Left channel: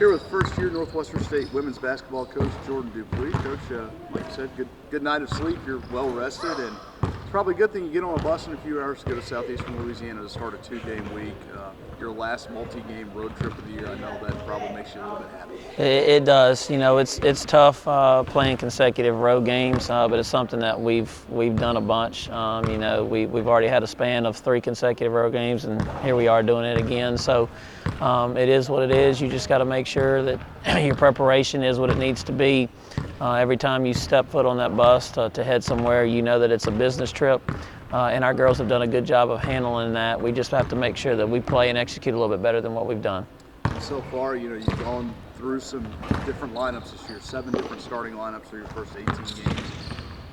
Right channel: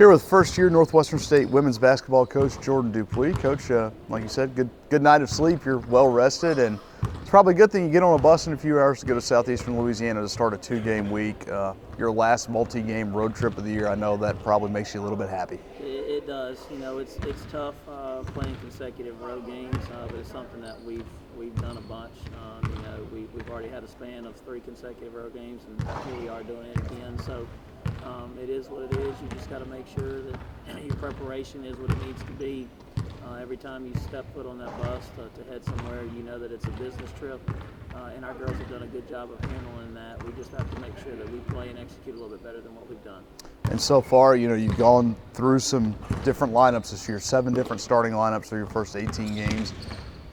Here with first-year Northwestern State women's basketball coach Jordan Dupuy. Coach, like you said, good night of sleep. You're well rested, and it's probably a good thing you get on a bus in a few hours to go to Southeastern Louisiana to start a 2-game week. Your last multi-game road trip of the year. I know that probably makes you a little bit happy. It does. You know, it's tough playing consecutive road games, but it's something that we've done a bunch. You know, we've already had a span of 3 consecutive road games, and here we are doing it again. So it is what it is. You just got to make sure that your preparation is what it needs to be. Every time you step foot on that bus to head somewhere, you know that it's a business trip. And our girls have done a good job of handling that. We just have to make sure that we play and execute a little bit better than what we've done. And so far, you know, you've gone through some different lineups this year, 7 different starting lineups through your first 18 games.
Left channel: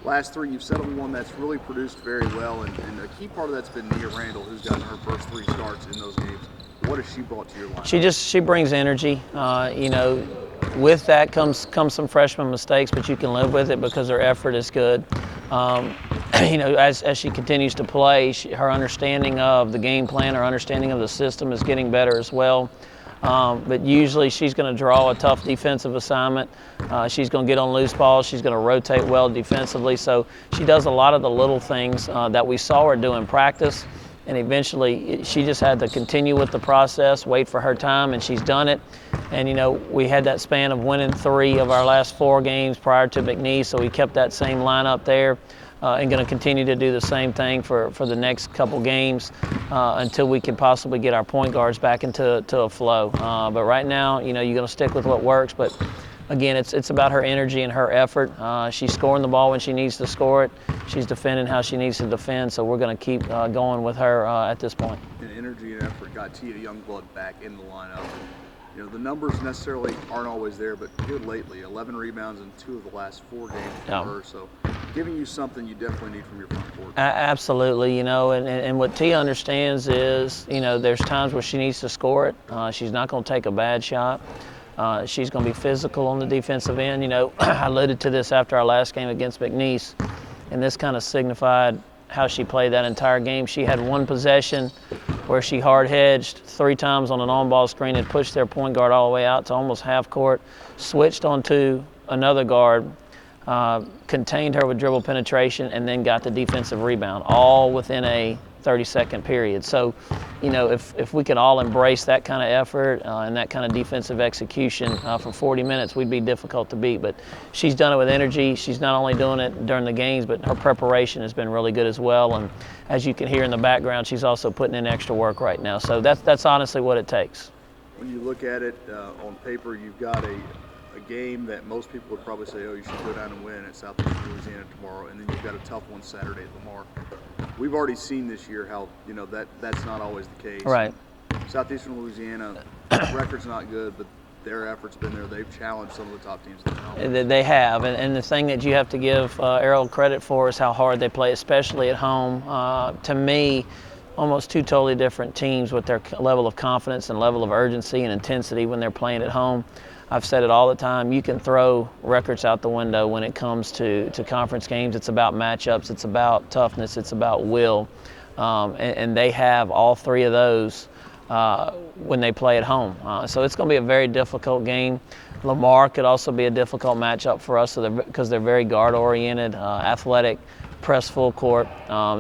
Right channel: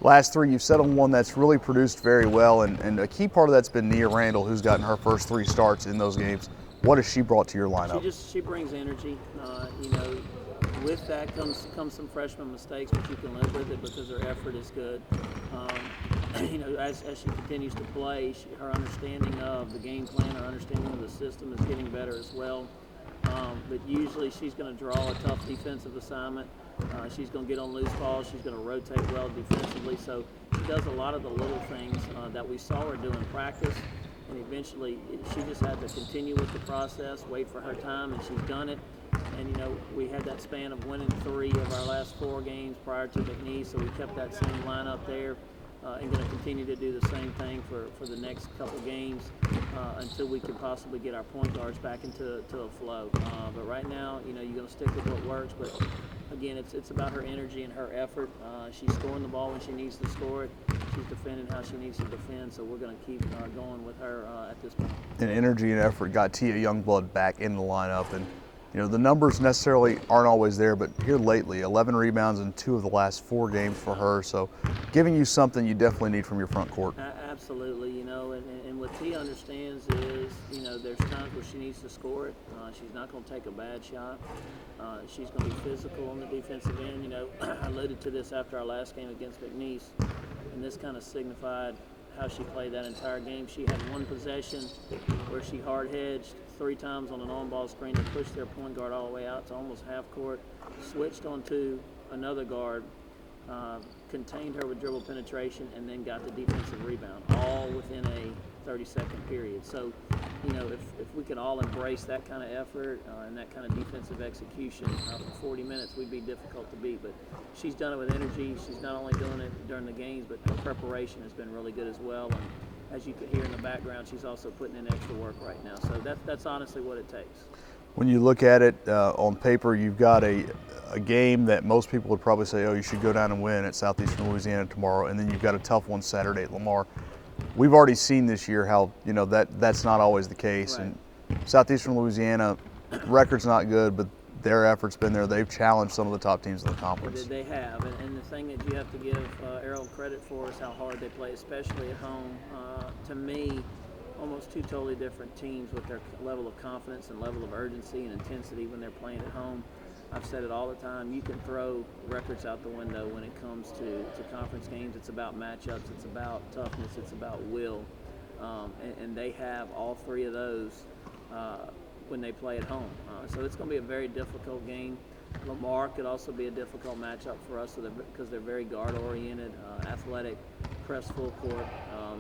Last 3, you've settled one that's really produced very well, and a key part of that's been Nia Randall, who's gotten her first 3 starts in those games. What has she brought to your lineup? She brings energy. You know, with that comes some freshman mistakes, but you can live with it because her effort is good. You know, as she continues to play, her understanding of the game plan, her understanding of the system is getting better as well. But usually she's going to draw a tough defensive assignment. She's going to get on loose balls. She's going to rotate well defensively. So she does a lot of the little things that we saw her do in practice. And eventually she just had to continue with the process, wait for her time, and she's done it. And, you know, we had that span of winning 3 of our last 4 games prior to McNeese, so we kept that same lineup there. And going to continue to do the same thing for the next couple games until we can possibly get our point guards back into a flow. But right now, you know, you're going to stick with what works. But again, it's about her energy and her effort. She's scoring the ball when she needs to score it. She's defending how she needs to defend. So we're going to keep going with her at this point. And energy and effort got Tia Youngblood back in the lineup. And you know, the numbers necessarily aren't always there, but here lately, 11 rebounds in 2 of the last 4 games for her. So giving you something you definitely need from your front court. Absolutely, you know, and what Tia understands is, you know, there's times where she needs to score it. She's not going to take a bad shot. She's going to be physical on the defensive end. You know, I alluded to this after our last game against McNeese, and this kind of signified how she played that entire game. She had 1 possession where she hard hedged 3 times on an on-ball screen and pushed their point guard all the way out to almost half court, switched onto another guard, contained her with dribble penetration, and then got the defensive rebound, all within a 30-second period. So, you know, if we could all embrace that kind of effort and that kind of defensive execution for 40 minutes, we'd be difficult to beat. But she's done it with energy. She's not only doing it during the games, but her preparation has been really good as well. And as you can hear in the background, she's also putting in extra work right now. So that's honestly what it takes. When you look at it on paper, you've got a game that most people would probably say, oh, you should go down and win at Southeastern Louisiana tomorrow, and then you've got a tough one Saturday at Lamar. We've already seen this year how, you know, that's not always the case. Right. And Southeastern Louisiana, record's not good, but their effort's been there. They've challenged some of the top teams in the conference. They have, and the thing that you have to give Errol credit for is how hard they play, especially at home. To me, almost 2 totally different teams with their level of confidence and level of urgency and intensity when they're playing at home. I've said it all the time, you can throw records out the window when it comes to conference games. It's about matchups, it's about toughness, it's about will. And they have all 3 of those when they play at home. So it's going to be a very difficult game. Lamar could also be a difficult matchup for us because they're very guard-oriented, athletic, press full court.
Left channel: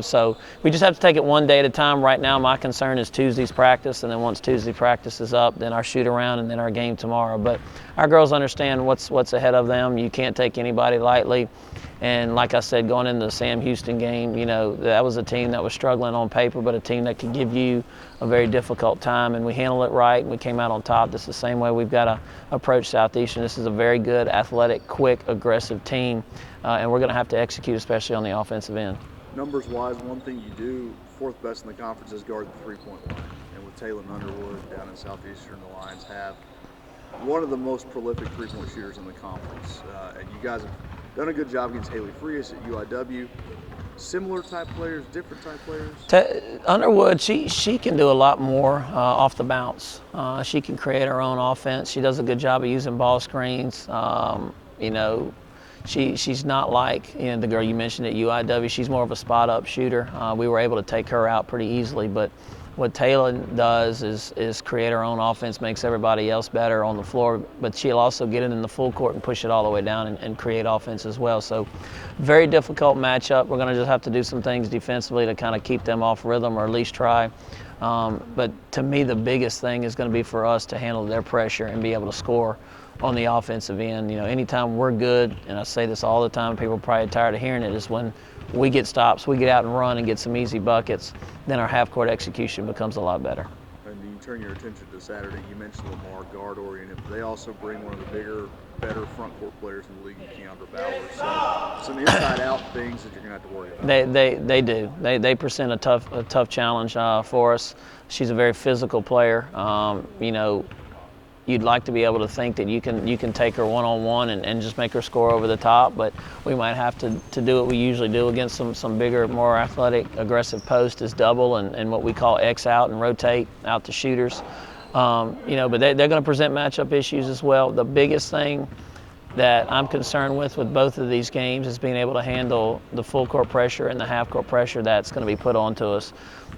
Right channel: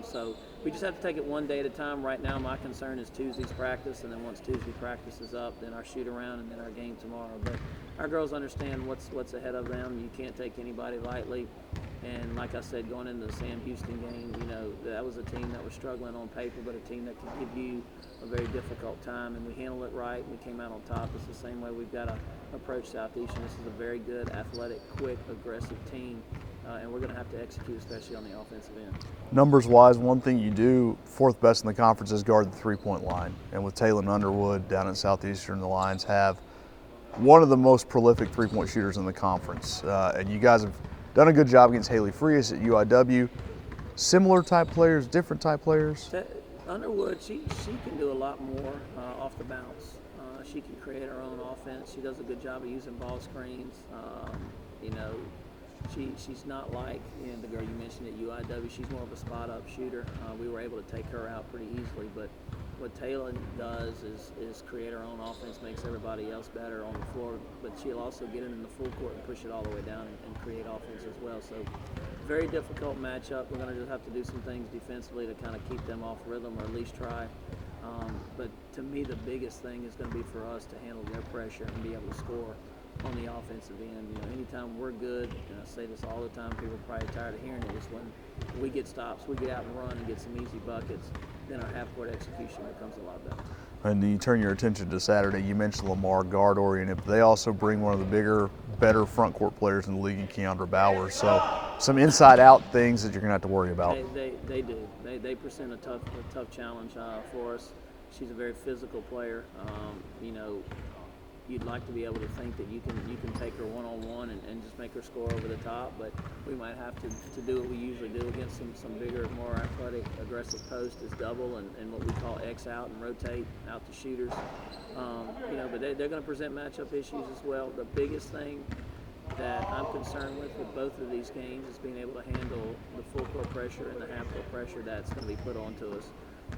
So we just have to take it one day at a time. Right now, my concern is Tuesday's practice, and then once Tuesday practice is up, then our shoot-around, and then our game tomorrow. But our girls understand what's ahead of them. You can't take anybody lightly. And like I said, going into the Sam Houston game, you know, that was a team that was struggling on paper, but a team that could give you a very difficult time, and we handled it right, and we came out on top. This is the same way we've got to approach Southeastern. This is a very good, athletic, quick, aggressive team, and we're going to have to execute, especially on the offensive end. Numbers-wise, one thing you do, 4th best in the conference, is guard the 3-point line. And with Taylor Underwood down at Southeastern, the Lions have one of the most prolific 3-point shooters in the conference. And you guys have done a good job against Haley Frias at UIW. Similar type players, different type players? Underwood, she can do a lot more off the bounce. She can create her own offense. She does a good job of using ball screens. You know, she's not like, you know, the girl you mentioned at UIW. She's more of a spot-up shooter. We were able to take her out pretty easily, but what Taylor does is create her own offense, makes everybody else better on the floor, but she'll also get it in the full court and push it all the way down and create offense as well. So very difficult matchup. We're going to just have to do some things defensively to kind of keep them off rhythm, or at least try. But to me, the biggest thing is going to be for us to handle their pressure and be able to score on the offensive end. You know, anytime we're good, and I say this all the time, people are probably tired of hearing it, is when we get stops, we get out and run and get some easy buckets, then our half-court execution becomes a lot better. And you turn your attention to Saturday, you mentioned Lamar, guard-oriented, but they also bring one of the bigger, better front-court players in the league in Keandra Bowers. So some inside-out things that you're going to have to worry about. They do. They present a tough challenge for us. She's a very physical player. You know, you'd like to be able to think that you can take her one-on-one and just make her score over the top, but we might have to do what we usually do against some bigger, more athletic, aggressive post, is double and what we call X out and rotate out to shooters. You know, but they're going to present matchup issues as well. The biggest thing that I'm concerned with both of these games is being able to handle the full court pressure and the half court pressure that's going to be put onto us.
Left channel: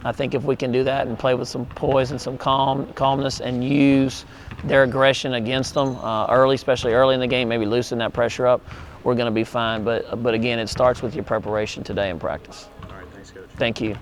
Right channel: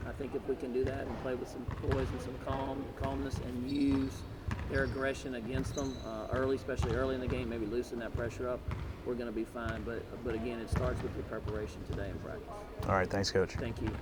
I think if we can do that and play with some poise and some calmness and use their aggression against them early, especially early in the game, maybe loosen that pressure up, we're going to be fine. But again, it starts with your preparation today in practice. All right, thanks, Coach. Thank you.